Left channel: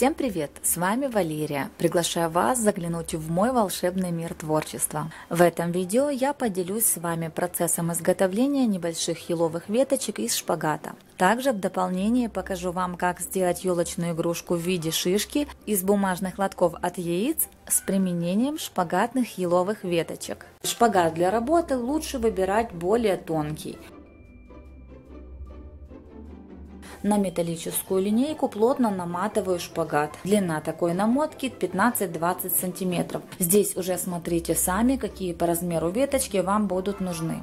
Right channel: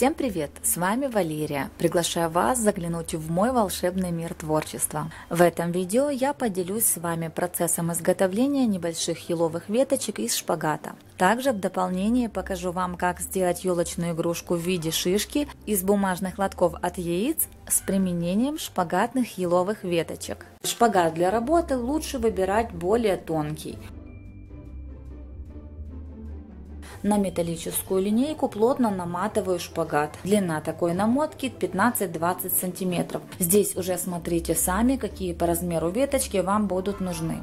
Всем привет! С вами Валерия. Приглашаю вас заглянуть в мой волшебный мир творчества. В этом видео я поделюсь с вами процессом изготовления небольших еловых веточек из шпагата. Также в дополнение покажу вам, как сделать елочную игрушку в виде шишки из бумажных лотков от яиц с применением шпагатных еловых веточек. Шпагат для работы лучше выбирать более тонкий. На металлическую линейку плотно наматываю шпагат. Длина такой намотки 15-20 см. Здесь уже смотрите сами, какие по размеру веточки вам будут нужны.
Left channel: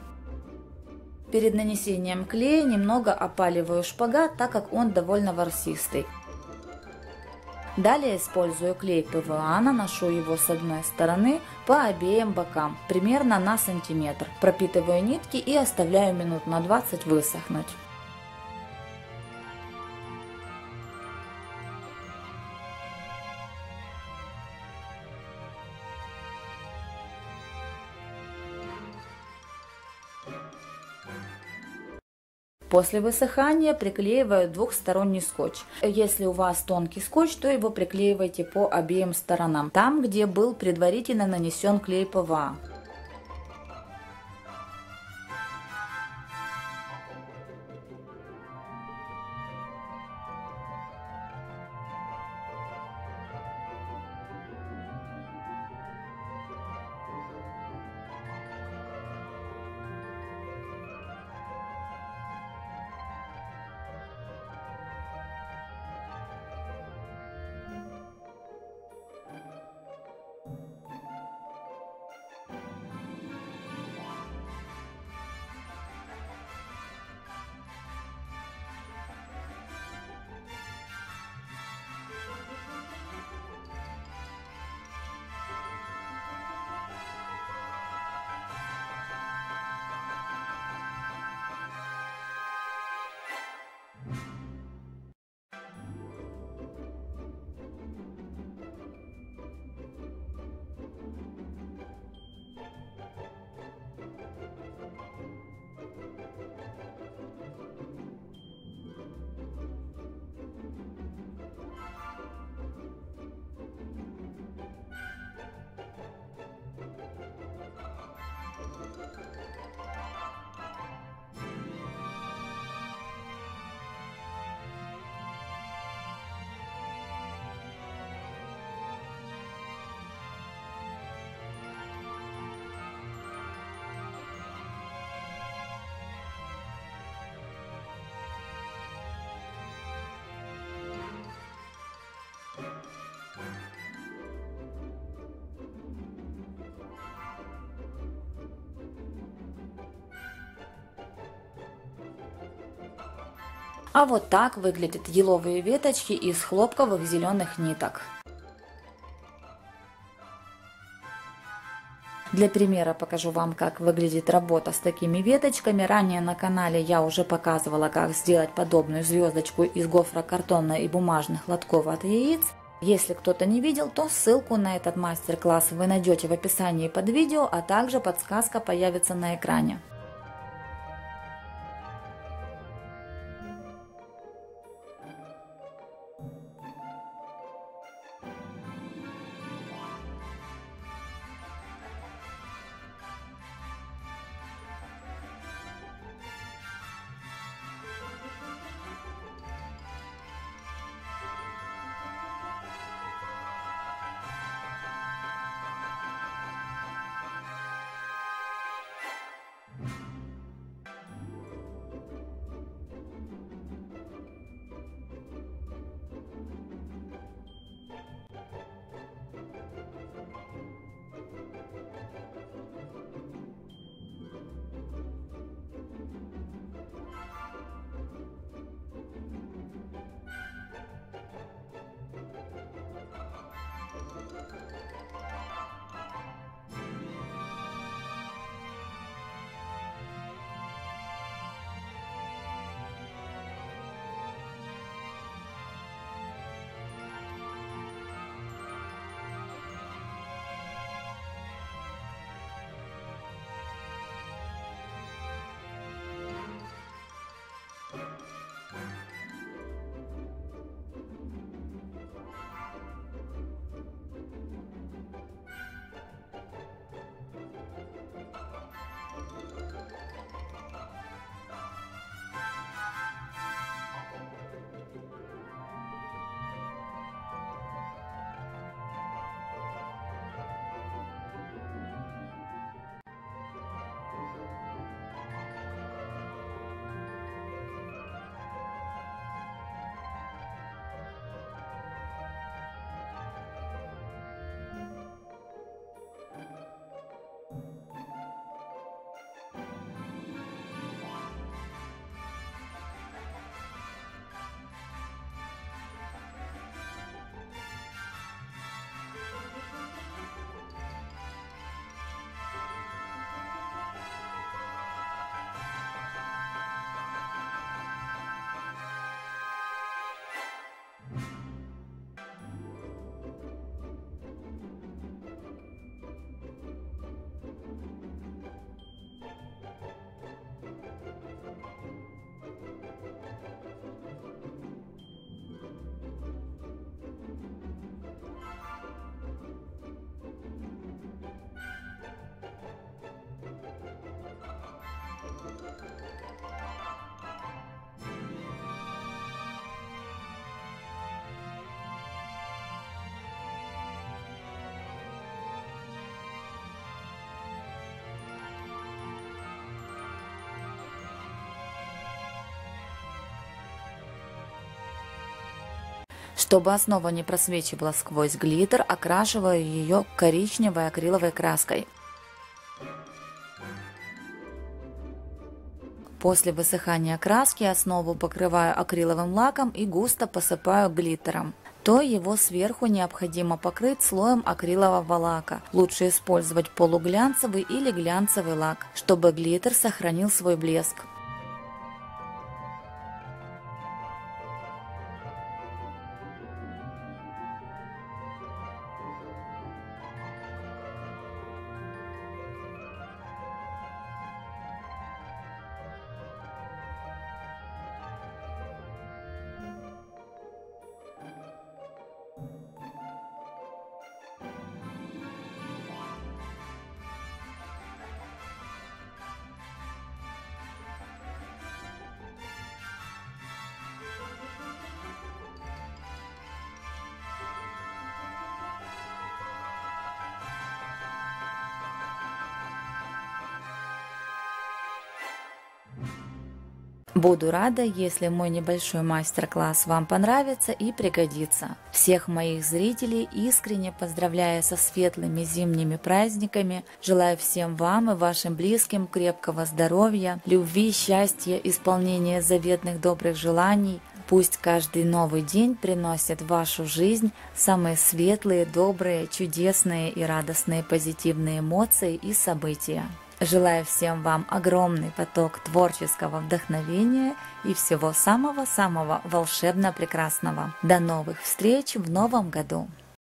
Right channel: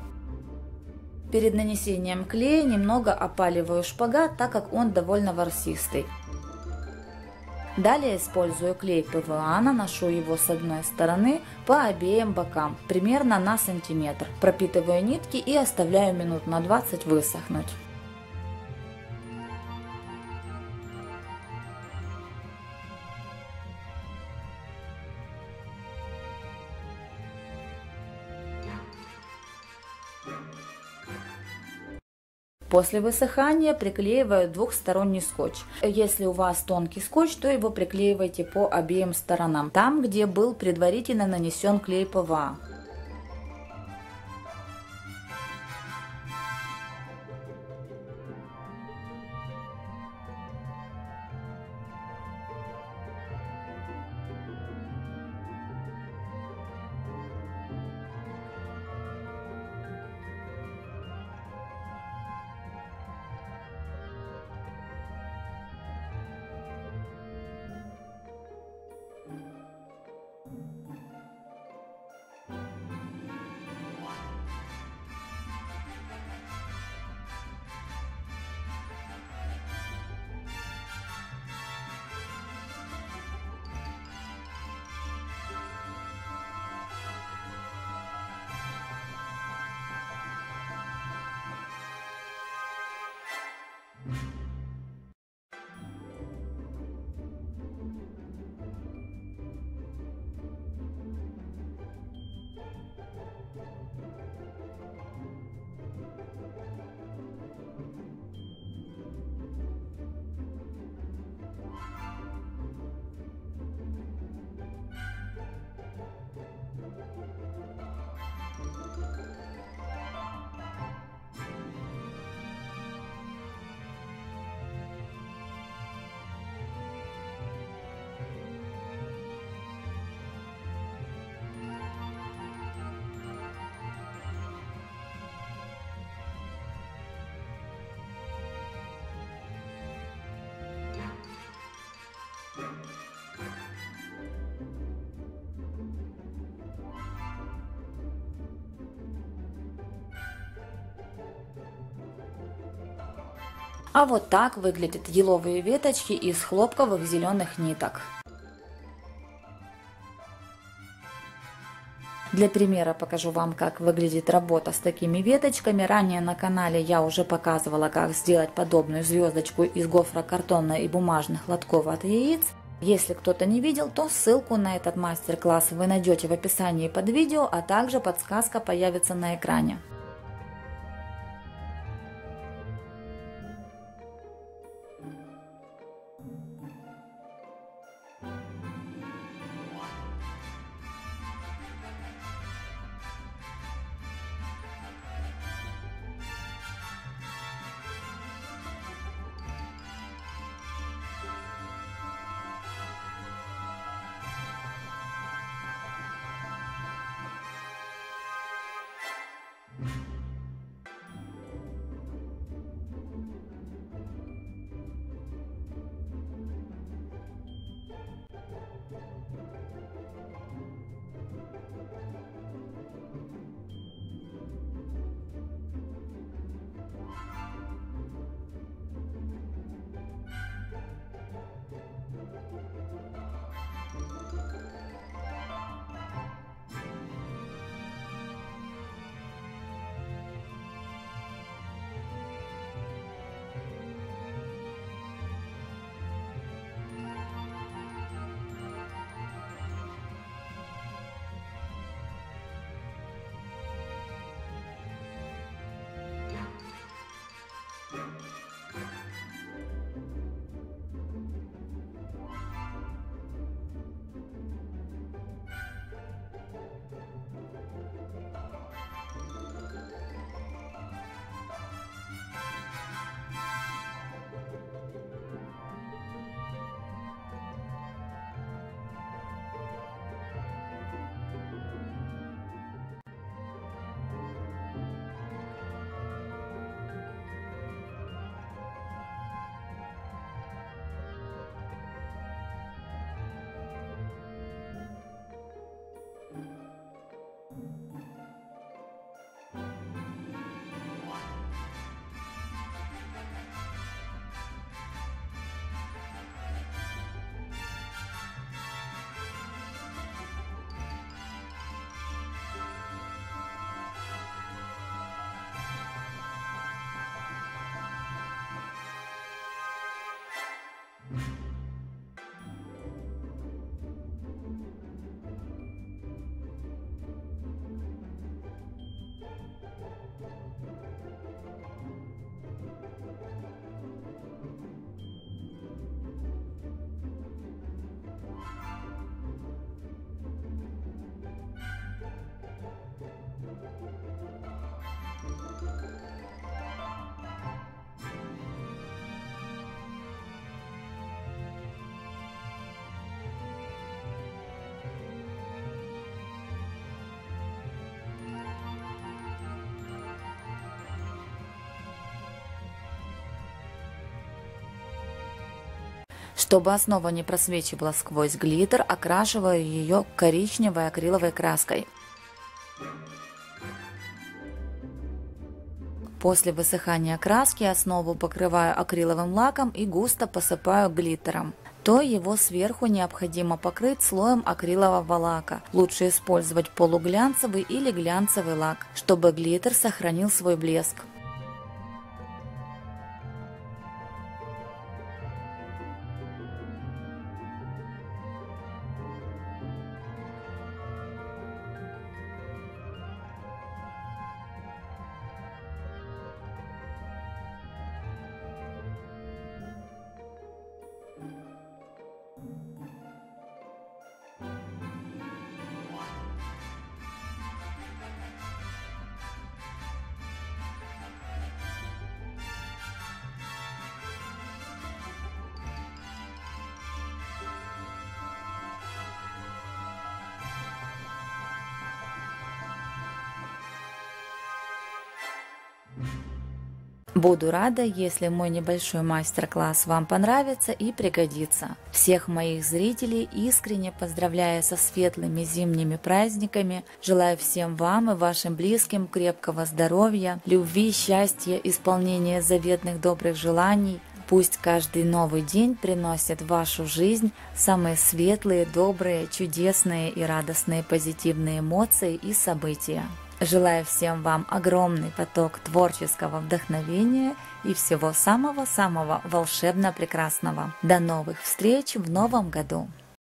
Перед нанесением клея немного опаливаю шпагат, так как он довольно ворсистый. Далее использую клей ПВА, наношу его с одной стороны по обеим бокам, примерно на сантиметр. Пропитываю нитки и оставляю минут на 20 высохнуть. После высыхания приклеиваю двухсторонний скотч. Если у вас тонкий скотч, то его приклеивайте по обеим сторонам, там, где был предварительно нанесен клей ПВА. А вот так выглядят еловые веточки из хлопковых зеленых ниток. Для примера покажу вам, как выглядит работа с такими веточками. Ранее на канале я уже показывала, как сделать подобную звездочку из гофрокартона и бумажных лотков от яиц. Если кто-то не видел, то ссылку на этот мастер-класс вы найдете в описании под видео, а также подсказка появится на экране. Чтобы основа не просвечивала сквозь глиттер, окрашиваю ее коричневой акриловой краской. После высыхания краски основу покрываю акриловым лаком и густо посыпаю глиттером. То его сверху необходимо покрыть слоем акрилового лака. Лучше использовать полуглянцевый или глянцевый лак, чтобы глиттер сохранил свой блеск. Буду рада, если мой небольшой мастер-класс вам понравится и пригодится. Всех моих зрителей искренне поздравляю со светлыми зимними праздниками. Желаю всем вам и вашим близким крепкого здоровья, любви, счастья, исполнения заветных добрых желаний. Пусть каждый новый день приносит в вашу жизнь самые светлые, добрые, чудесные и радостные позитивные эмоции и события. Желаю всем вам огромный поток творческого вдохновения и всего самого-самого волшебно-прекрасного. До новых встреч в новом году!